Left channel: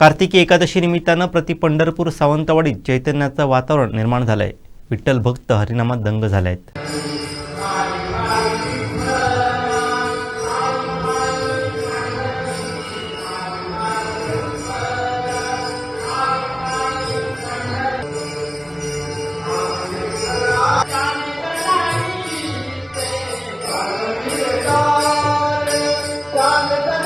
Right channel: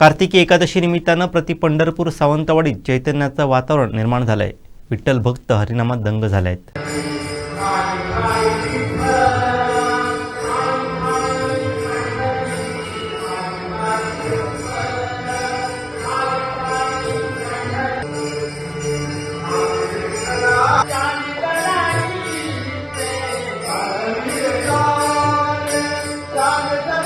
कार्तिकी एकादशी निमित्तानं प्रति पंढरपूर सावंतवाडीत चैतन्याचं वातावरण निर्माण झालंय. विठ्ठल भक्त हरिनामात दंग झाले आहेत कोण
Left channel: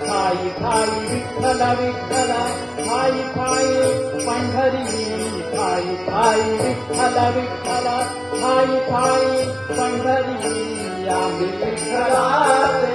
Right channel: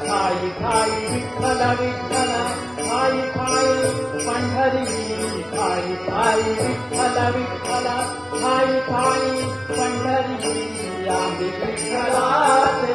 சாயி சாயி விட்டல விட்டல சாயி சாயி பண்டரி சாயி சாயி விட்டல விட்டல. சாயி சாயி பண்டரி அம்பிகளாதே